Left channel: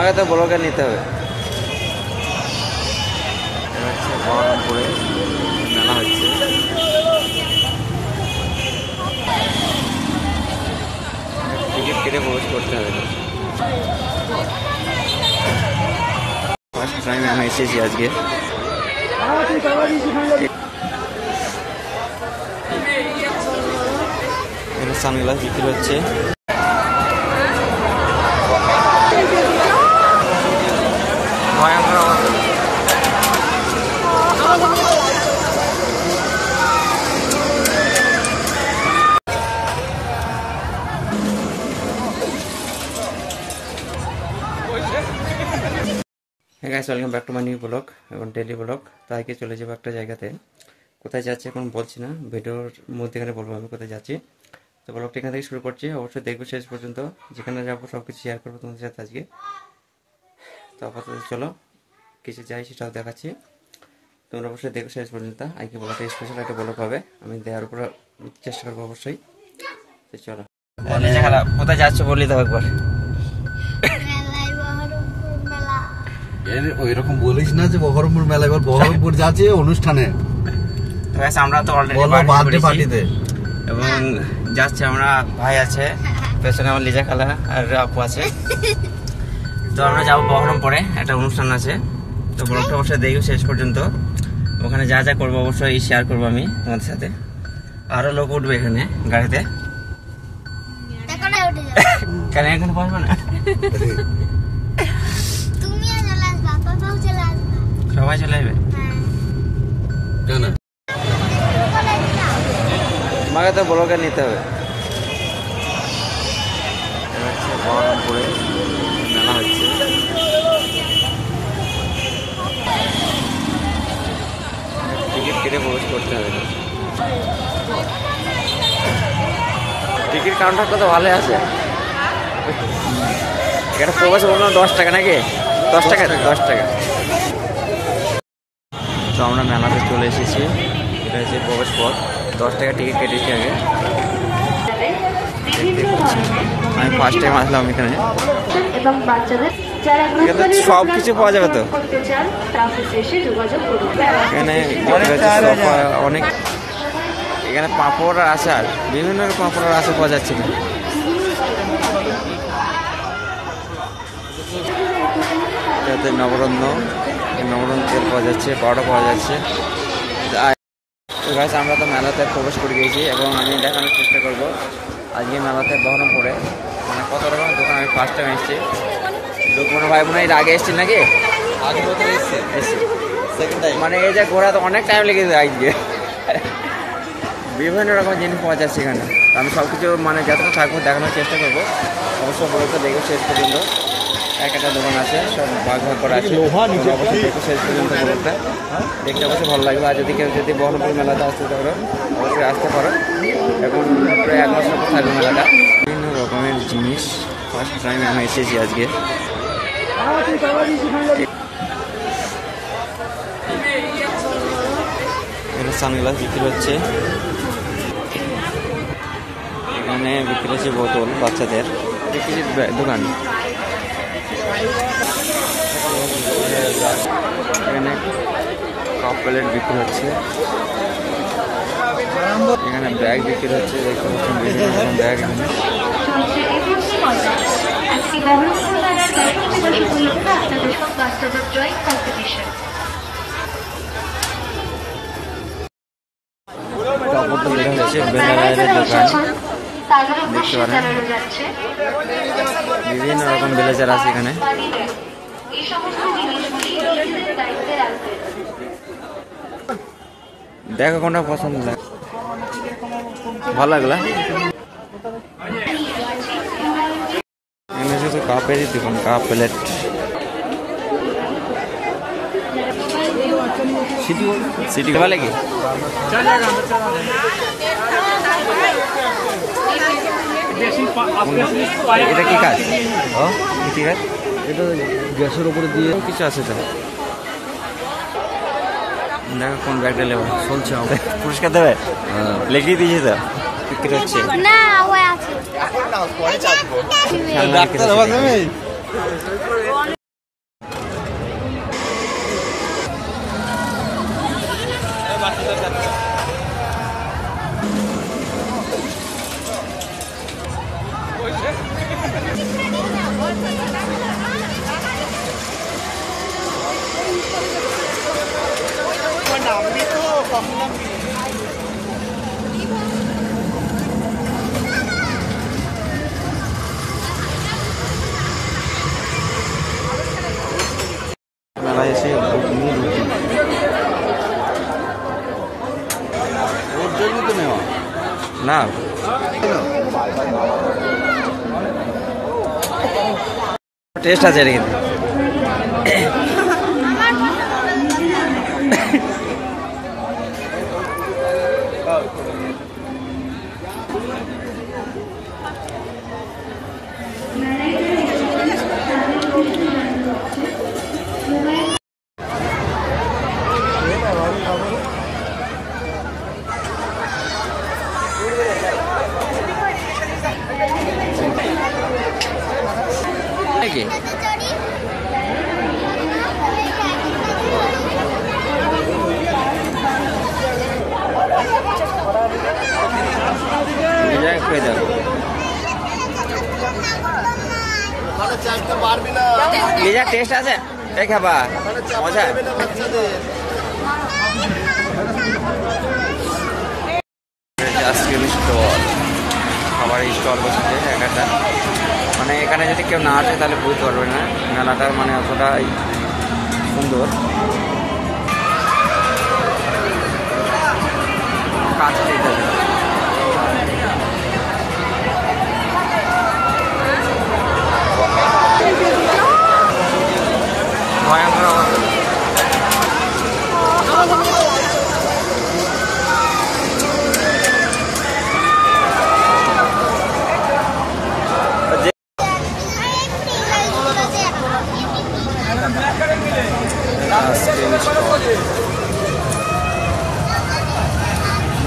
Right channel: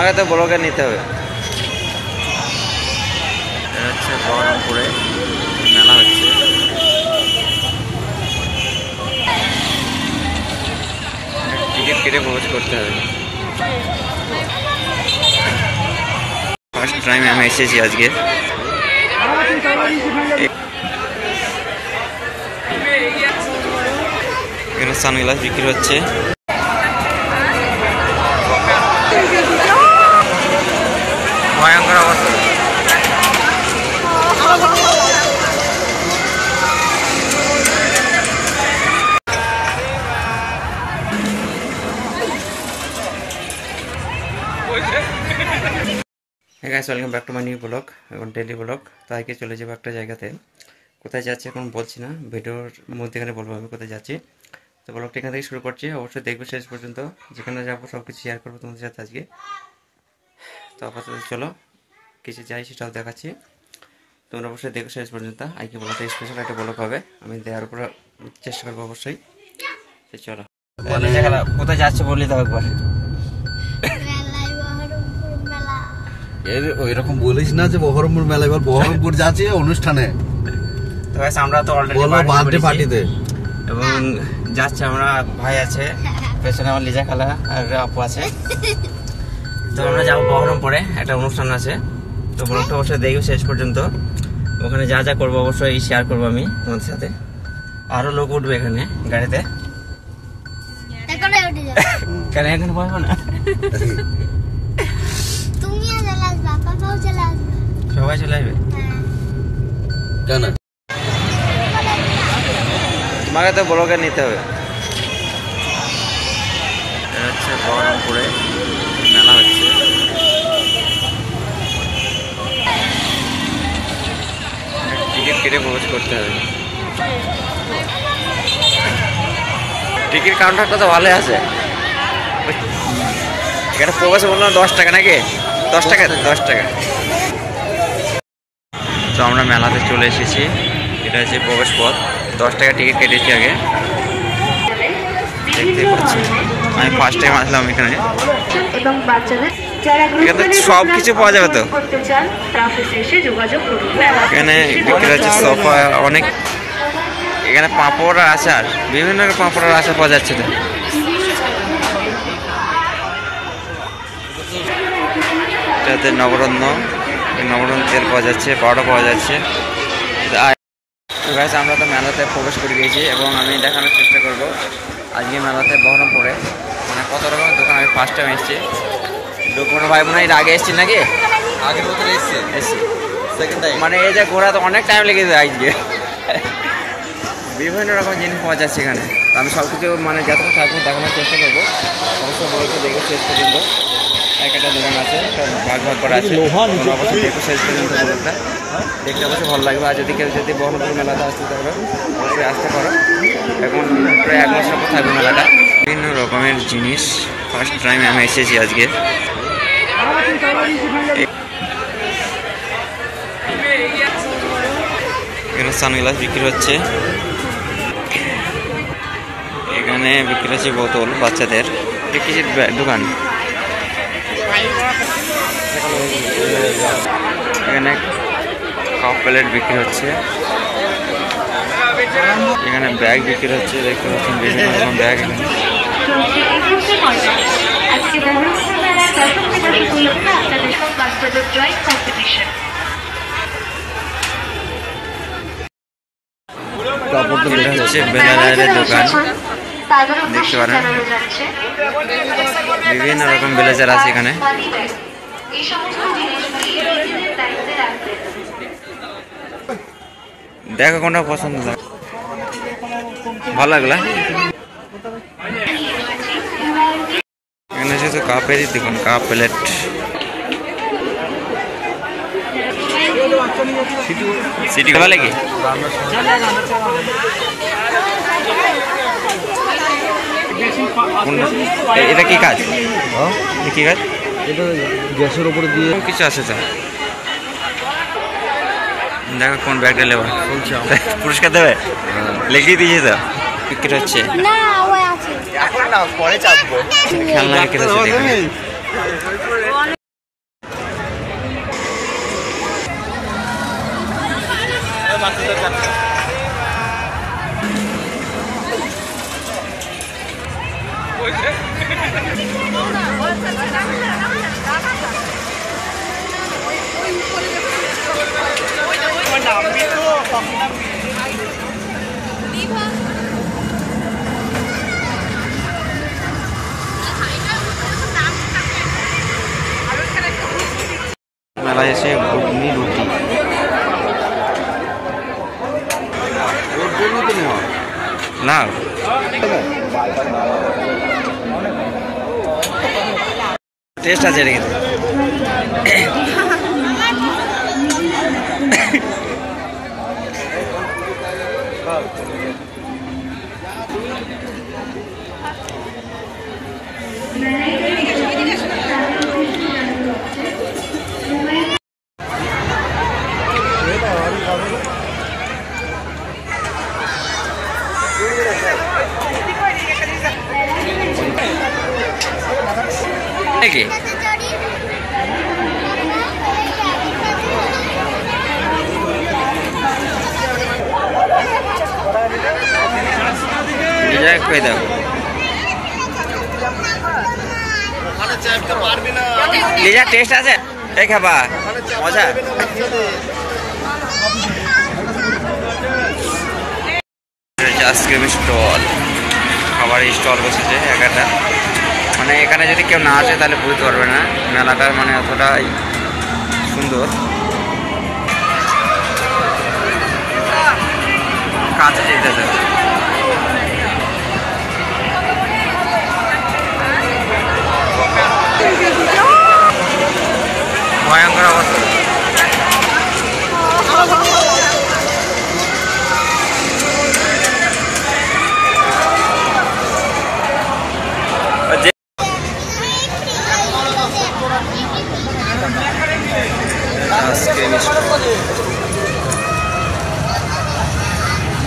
তোমাকে তো ব্লগে নিতে হবে। এটা হচ্ছে বহরমপুরে মেলা হচ্ছে। টিকিট কেটে প্রবেশ করতে হবে। ফার্স্ট টাইম আমি এসেছি আজকে। এখানে সানগ্লাস বিক্রি হচ্ছে। ভয়ঙ্কর অবস্থা। হ্যাঁ guys, welcome back to my new blog এবং ডেইলি ব্লগ। তাই কি চলে যাবো একটা জায়গাতে। কোথায় যাচ্ছি এখন বলছি না, ভিডিওর মধ্যেখানে বলবো আমি কোথায় যাচ্ছি। তো ব্লগটা এখান থেকে শুরু করছি, অবশ্যই দেখবে শেষ পর্যন্ত। যেখানে যাবো সব কিছু শেয়ার করবো তোমাদের সাথে আজকে। তো আপাতত চলো কিছু যাই সেটাও দেখাচ্ছি, তোমরা অবশ্যই দেখো শেষ পর্যন্ত। আজকে ব্লগটা স্পেশাল একটা ব্লগ হবে, আমি দেওয়ার উপর চেষ্টা করবো অবশ্যই। তো চলো কোথায় যাচ্ছ বলি দাও একবার। ওই রকম বলিস না যে বহরমপুর মেলা, এবার বহরমপুর যাচ্ছি অনুষ্ঠানে। তো আমরা তো অলরেডি বার্থডে পার্টিতে এবং যাচ্ছে। আমরা ভাই আছে পেছনে, আমার লিজা খালা আর আপু আছে। তো আমরা যাবো বহরমপুরে, একটা অনুষ্ঠান আছে। তো ব্লগটা অবশ্যই দেখো শেষ পর্যন্ত। ওখানে যা যা করবো অবশ্যই শেয়ার করবো আমি তোমাদের সাথে। আরো লোক উঠবে এখানে গাড়িতে। কেন এখানে বসবো না? সবাই চলে আসবে কেন? তোমাকে তো ব্লগে নিতে হবে। এটা হচ্ছে বহরমপুরে মেলা হচ্ছে। টিকিট কেটে প্রবেশ করতে হবে। টিকিট কাউন্টারটা তো ভালো আছে। এখানে প্রবেশ বললো 10 টাকা নাকি? 10 টাকা 10 টাকা। তো আমরা মেলাতে চলে এসেছি। এটা হচ্ছে প্রবেশ পথ। 10 টাকা টিকিট কেটেছি আগে। দেখতে পাচ্ছি আমি ফার্স্ট টাইম আসলাম এখানে। এখানে সব কিছু পাওয়া যাবে তো। এখানে বিক্রি হচ্ছে সোফা অনেক। এখানে পাঁপড় আর আচার, বিভিন্ন পাঁপড় আর আচার পাওয়া যাচ্ছে তো। এটাতে নবরত্ন তেল পাওয়া যাচ্ছে, পাউডার পাওয়া যাচ্ছে। গাইস, আমরা তো মেলাতে প্রবেশ করে গিয়েছি এবং আমি দেখানোর চেষ্টা করব আজকে মেলাতে বহরমপুরে মানে কত রকমের দোকান। আমি ফার্স্ট টাইম এসেছি। ডকুমেন্ট ভাই মনে হয় এর আগে এসেছি নাকি? আগের বছর এসেছি, সেকেন্ড টাইম। মানে এই যে ঘোরা তো অনেক টাইম লেগেছে আজকে। বিভিন্ন রকম জিনিস পাওয়া যাচ্ছে এখানে। আমি সব কিছু মানে যতক্ষণ থাকবো দেখানোর চেষ্টা করবো। অবশ্যই ব্লগটা দেখো শেষ পর্যন্ত। একটা দোকান আছে, সব ভাগ করা আছে। তোমরা অবশ্যই দেখো শেষ পর্যন্ত ব্লগটা, দেখতে অবশ্যই ভালো লাগবে। আর যদি কেউ বহরমপুর মেলাতে আসতে পারো অবশ্যই আসতে পারো। এখন প্রায় 1 মাসের পর থাকবে মেলাটা। বিভিন্ন রকমের জিনিস ফার্স্ট টাইম আমি এসেছি আজকে। এখানে সানগ্লাস বিক্রি হচ্ছে। এখানে বিক্রি হচ্ছে বোতল বাচ্চাদের। কিছু দোকান এখানে কাপ প্লেট বিক্রি হচ্ছে। এখানে ব্যাগ বিক্রি হচ্ছে, দেখতে পাচ্ছেন বিভিন্ন রকম ব্যাগ। এখানে এটা হচ্ছে ব্লেজারের দোকান, দেখতে পারেন বিভিন্ন রকম ব্লেজার আছে এখানে। দেখো কোনটা পছন্দ লাগে, ভালো লাগলা। এখানে শুধু কাপেরই দোকান, কাপ প্লেট। সিটি ভালো লাগে। এটা কি কাজ? কি কাজ? এটা গ্যাসের উপরে দিয়ে কিছু আছে তো। দেখো কোন ব্যাগটা নেবা, পুরস্কার দেবে, লিখিয়ে দিয়েছে তো। বিক্রি হচ্ছে খেলনা বিক্রি হচ্ছে। মেলায় এসে ঘুগনি রুটি ওর জন্য তো নেওয়া না টেস্ট আছে এটা কিন্তু কি কই দাও লিজা টেস্ট আছে এই খাবা মজা আইসক্রিম স্টল খাবারের স্টল বসেছে একটা মানে এখানে যদি কেউ না আসে তাহলে বুঝতে পারবে না মেলাটা মানে এতটাই সুন্দর কাছে যেতেছে ভয়ঙ্কর অবস্থা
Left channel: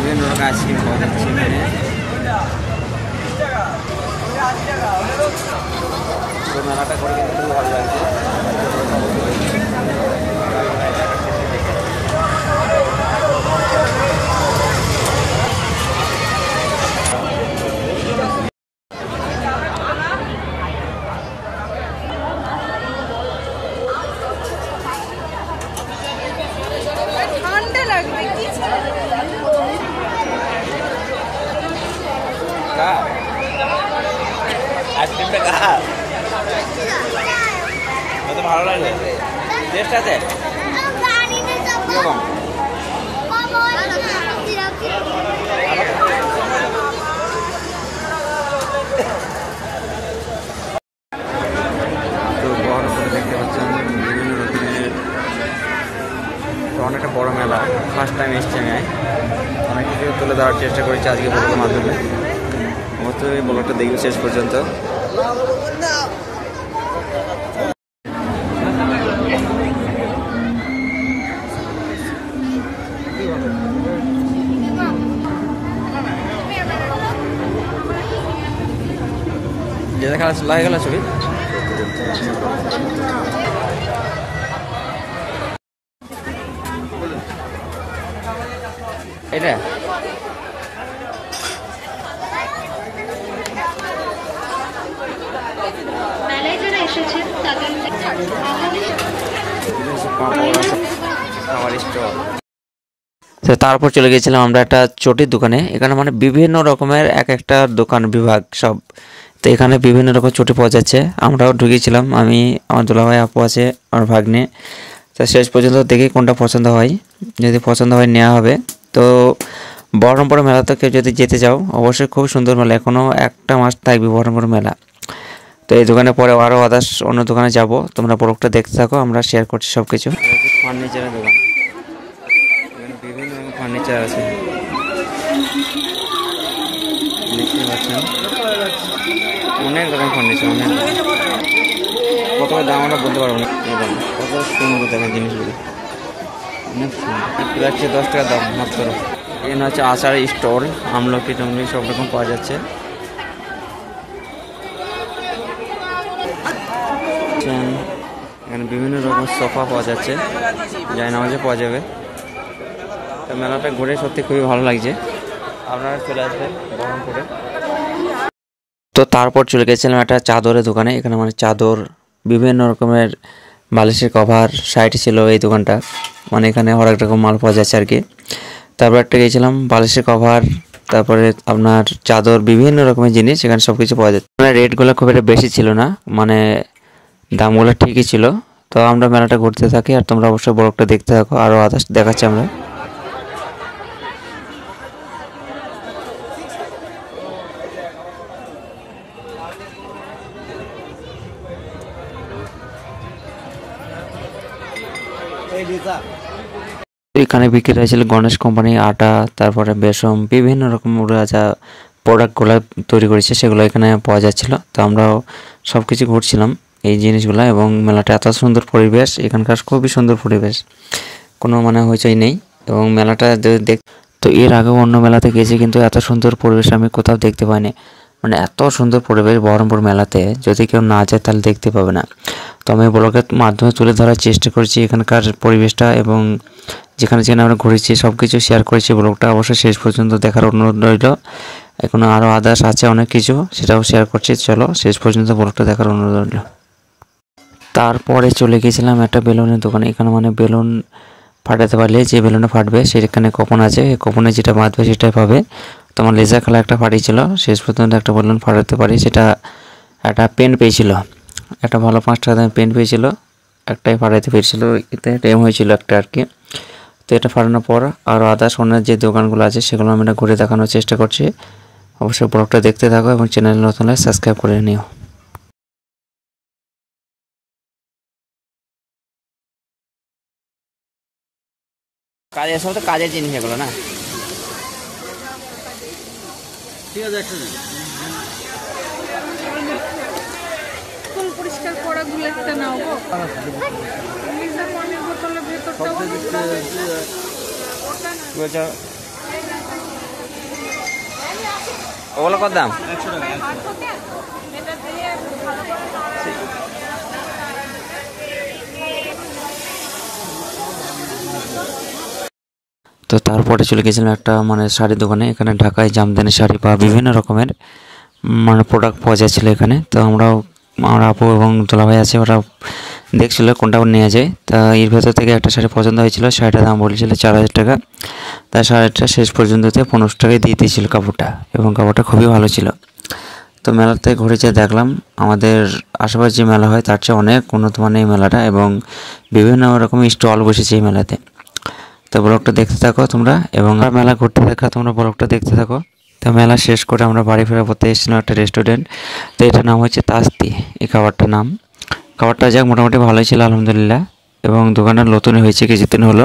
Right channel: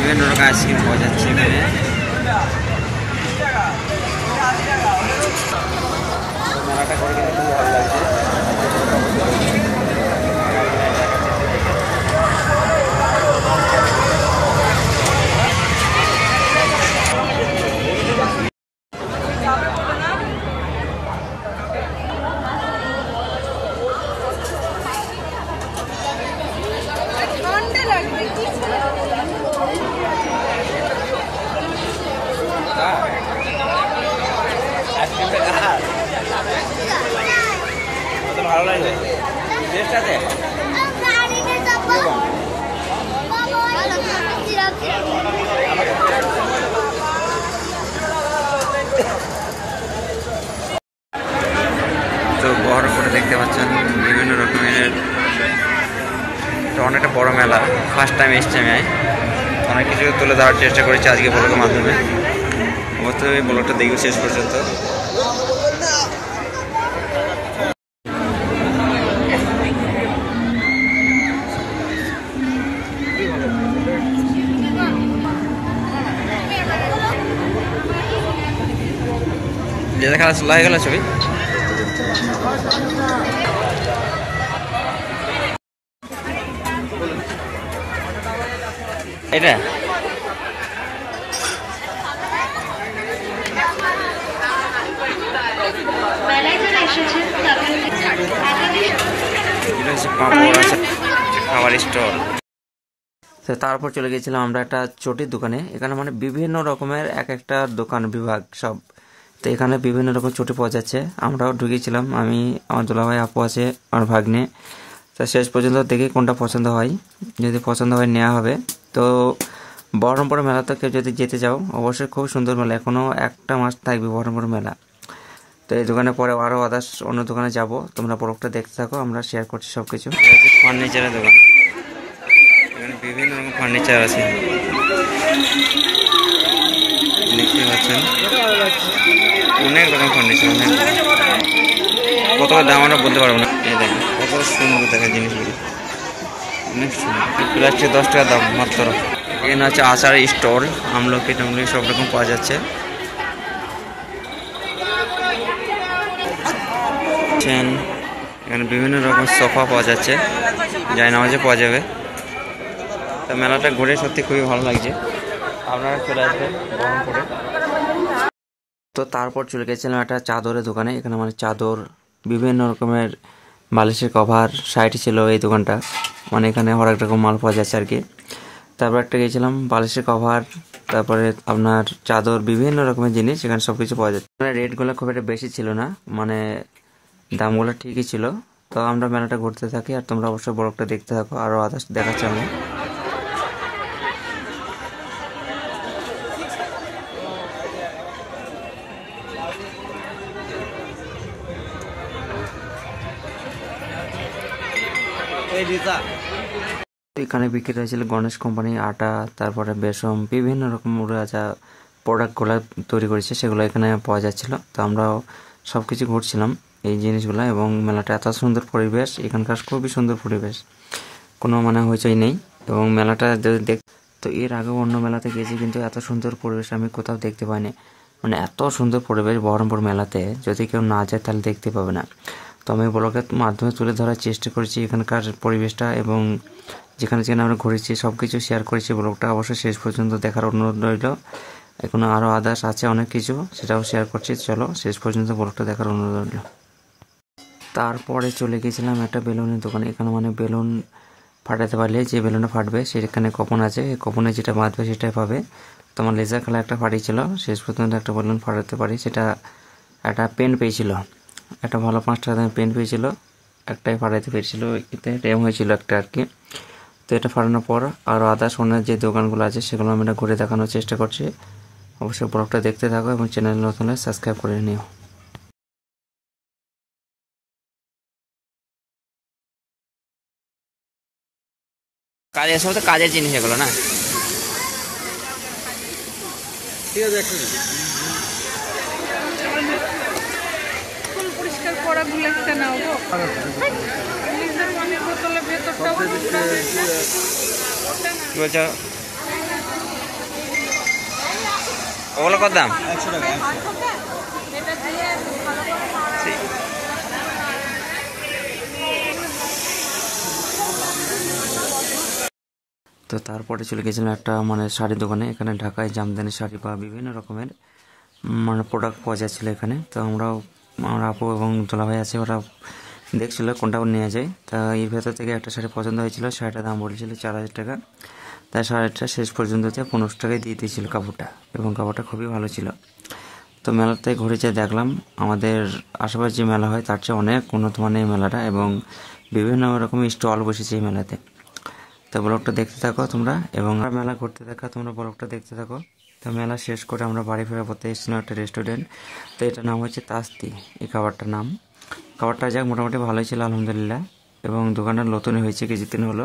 বিভিন্ন রকম আইসক্রিম পাওয়া যাচ্ছে এখানে মেলাটা করে কিন্তু খুবই ভালো লাগছে ভালো লাগলো টেস্ট আছে তো বহরমপুরে দেখতে পাচ্ছেন বিভিন্ন রকমের অনেকটা বড় মেলা ফার্স্ট টাইম এসছি আমি অনেক কিছু তুলে দেওয়ার চেষ্টা করেছি আজকে ব্লগের মাধ্যমে অবশ্যই ব্লগটা দেখবে শেষ পর্যন্ত যেটা খেলা লাগে গেল ছবি এটা খাবার স্টল তো তারপর চলে গেছিলাম আমরা একটা চটির দোকানে এখানে মানে বিভিন্ন রকমের এক একটা দোকান বিভাগ সব তো এখানে বিভিন্ন রকম চটি পাওয়া যাচ্ছে আমরাও ঢুকেছিলাম আমি আমার দুলাভাই আপু আছে আমার ভাগ্নে তো শেষ পর্যন্ত দেখি কোনটা পছন্দ হয় যদি পছন্দ হয় নেওয়া হবে তো বহরমপুর মেলা থেকে যদি যেতে যাও অবশ্যই খুব সুন্দর মেলা এখনও একটা মাস থাকবে বহরমপুর মেলা তো এই দোকানে পরে আরও আদার্স অন্য দোকানে যাব তোমরা প্রোডাক্টটা দেখতে থাকো আমরা শেয়ার করছি সব কিছু ফার্নিচারের দোকান এখানে বিভিন্ন রকম ফার্নিচার আছে দেখতে পাচ্ছেন অনেক রকম ফার্নিচার অনেক কত দাম আমরা বলতে পারবো না কত সুন্দর দেখেন জিনিসগুলো অনেক সুন্দর প্লাস্টিক 10 টাকা দাম মাত্র এখানে হচ্ছে আচারের স্টল আমলকি টামলকি সব রকম পাওয়া যাচ্ছে এখানে বিভিন্ন রকম সোফা পাওয়া যাচ্ছে যাই নামাজে পাওয়া যাবে তো মেলাটা ঘুরে সত্যি খুবই ভালো লাগছে আপনারা চলে আসবেন বহরমপুরে তো তারপর চলে গেছিলাম একটা চাদরের দোকানে। এখানে মানে চাদর, বিভিন্ন রকমের বালিশের কভার সাইডে ছিল এই দোকানটা। মানে এখানে হরেক রকম মাল পাওয়া যাচ্ছে আর কি। তারপর একটা গেছিলাম বালিশের কভার, তারপরে আপনার চাদর, বিভিন্ন রকমের জিনিস এখানে সব কিছু পাওয়া যাচ্ছে। মানে রেটগুলো খুব একটা বেশি ছিল না, মানে দামগুলো ঠিকই ছিল। তো আমরা মেলাটা ঘুরতে থাকি আর তোমরা অবশ্যই ব্লগটা দেখতে থাকো, আরও আদার্স দেখাচ্ছি আমরা। এখানে বিক্রি হয়েছিল গণেশ কোম্পানি আটা, তারপরে বেসম, বিভিন্ন রকম ওরা যা প্রোডাক্টগুলো তৈরি করেছে সেগুলো এখানে পাওয়া যাচ্ছিল। তো আমরাও সব কিছু ঘুরছিলাম এই জিনিসগুলো, এবং মেলাটা এত সুন্দর পরিবেশ, এখানকার খুবই সুন্দর পরিবেশ, কোনো মানে হইচই নেই। এবং মেলাটা যদি দেখ, তো এর আগেও অন্য মেলাতে গেছি কিন্তু এত সুন্দর পরিবেশ আমি কোথাও দেখতে পাইনি। মানে এত সুন্দর পরিবেশ বহরমপুর মেলাতে, যদি কেউ না যায় তাহলে দেখতে পাবে না। তো আমি ব্লগের মাধ্যমে তুলে ধরার চেষ্টা করছি এখানকার পরিবেশটা, এবং যেখানে যেখানে আমরা ঘুরেছি সব কিছু শেয়ার করেছি। ব্লগটা অবশ্যই শেষ পর্যন্ত দেখার অনুরোধ রইল। এখনও আরও আদার্স আছে অনেক কিছু, সেটাও শেয়ার করছি। চলো শেষ পর্যন্ত ব্লগটা দেখার অনুরোধ রইল। তারপরে চলে গিয়েছিলাম একটা বেলুনের দোকানে। এখানে মানে বেলুন ফাটাতে পারলে যে বেলুনটা ফাটবে সেখানে কপন আছে, এই কপনে যেটা বাঁধবে সেটাই পাবে। তোমার লেজার খেলা একটা ফাটিয়েছিল, শেষ পর্যন্ত একটা বেলুন ফাটাতে পারি, সেটা একটা পেন পেয়েছিল, একটা ভালো 5 টাকা দামের পেন পেয়েছিল, একটাই ফাটাইতে পেরেছিল, এতে টাইম হয়েছিল একটা আর কি। তো এটা ফাটানোর পর আরও আদার্স অন্যের যে দোকানগুলো আছে সেগুলো আমি ঘুরে দেখানোর চেষ্টা করছি। অবশ্যই ব্লগটা দেখতে থাকো এবং চ্যানেল নতুন হলে সাবস্ক্রাইব করে নিও। কাজের সব তো কাজের জিনিস এগুলো না। ঠিক আছে, একটু পরিষ্কার করা একটা নাও অনেক বোতলের ভেতরটা কি বলছো, ওগুলো কত দাম? 100 টাকা। তো তারপরে চলে গেছিলাম একটা মানে শাড়ির দোকানে। এখানে ঢাকায় জামদানি শাড়ি বা বিভিন্ন রকমের মানে প্রোডাক্ট পাওয়া যাচ্ছিলো এখানে। তো আমরাও, আমার আপু এবং দুলাভাই আছে, ওরা দেখছিল কোনটা নিয়ে যায়। তা এর ভেতর থেকে একটা শাড়ি পছন্দ হয়েছিল, শাড়িটার দাম বলেছিল 4000 টাকা। তাই শাড়িটা শেষ পর্যন্ততে 1500 টাকায় দিয়ে দিয়েছিল কাপড়টা, এবং কাপড়টা খুবই ভালো ছিল। তো মেলাতে ঘুরে যেয়ে দেখলাম আমাদের আশেপাশে যে মেলা হয় তার চেয়ে অনেক উন্নত মানের এই মেলাটা, এবং বিভিন্ন রকম স্টল বসেছে এই মেলাতে। তো ব্লগটা দেখতে থাকো তোমরা, এবং মেলা ঘুরতে থাকা তোমরা ব্লগটা দেখতে থাকো। তো মেলা শেষ করে আমরা বাড়ি ফেরার পথে এসেছিলাম একটা রেস্টুরেন্ট। তো এটার নাম হচ্ছে তাস্তি, এই খাবারটার নাম। খাবারটা যাক মোটামুটি ভালোই ছিল আলহামদুলিল্লাহ, এবং দোকানটা নতুনই হয়েছে কিছুদিন হলো।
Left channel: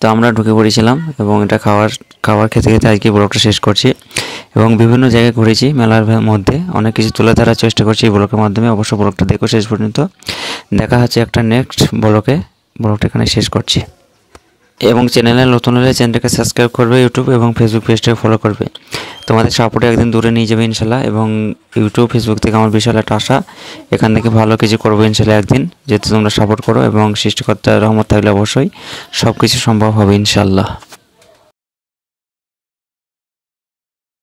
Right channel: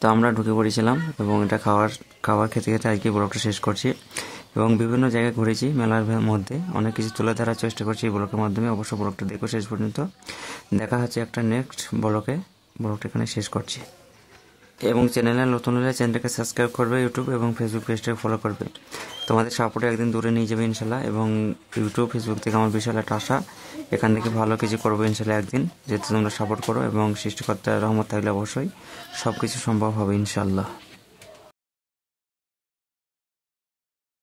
তো আমরা ঢুকে পড়েছিলাম, এবং এটা খাবার খেতে খেতে আজকে ব্লগটা শেষ করছি। এবং বিভিন্ন জায়গায় ঘুরেছি মেলার মধ্যে, অনেক কিছু তুলে ধরার চেষ্টা করছি এই ব্লগের মাধ্যমে। অবশ্য ব্লগটা দেখো শেষ পর্যন্ত। দেখা হচ্ছে একটা নেক্সট ব্লগে। ব্লগটা এখানে শেষ করছি, এবং চ্যানেলে নতুন হলে চ্যানেলটাকে সাবস্ক্রাইব করবে, ইউটিউব এবং ফেসবুক পেজটাকে ফলো করবে। তোমাদের সাপোর্টে একদিন দূরে নিয়ে যাবে ইনশাল্লাহ। এবং ইউটিউব ফেসবুক থেকে আমার বিশাল একটা আশা, এখান থেকে ভালো কিছু করবো ইনশাল্লাহ একদিন, যেহেতু তোমরা সাপোর্ট করো, এবং সৃষ্টিকর্তার রহমত থাকলে অবশ্যই সব কিছু সম্ভব হবে ইনশাল্লাহ।